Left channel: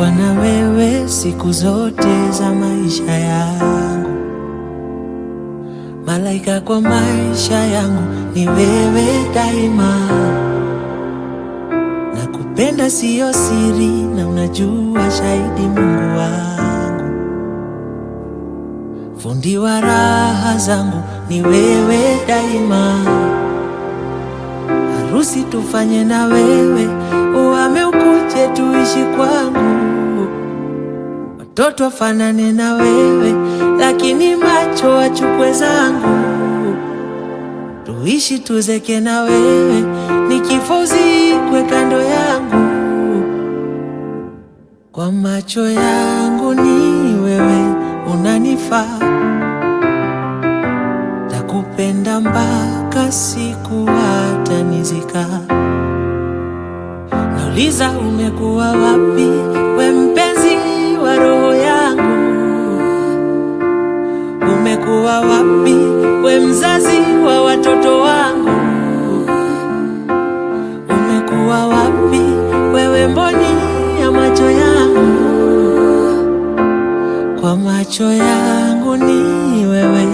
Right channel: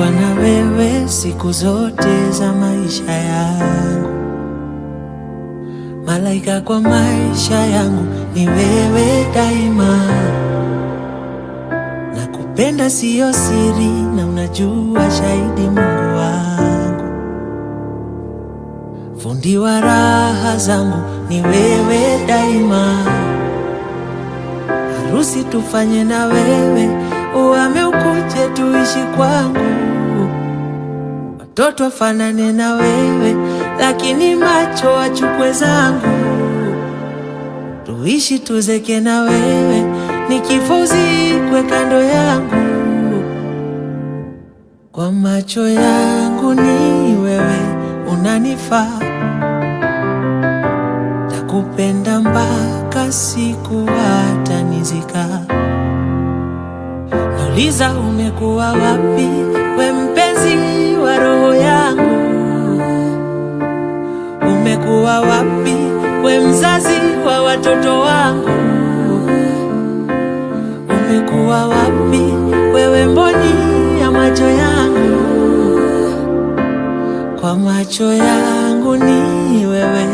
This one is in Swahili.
kuwa na wewe siku zote za maisha yangu. Malaika kwa maisha yangu ni wewe daima. Nakupenda siyo siri na unajua shahidi Mungu wangu. Fundi wa raha zangu ni wewe daima. Harusi tufanye na wewe, uhame ukuje tuishi kwangu. Watoto wafanane na wewe, lakini macho achukue zangu. Tuishi tuzeke na wewe, nikifa uzikwe kando yangu. Kwa macho yangu ni wewe unanifaa. Takupenda mpaka siku hata nizika. Nauliza umekuwa wapi, we mpenzi wa roho yangu? Umekuwa wapi, we mzazi wa watoto wangu? Umekuwa wapi, wewe mboni ya macho yangu? Kwa macho yangu ni wewe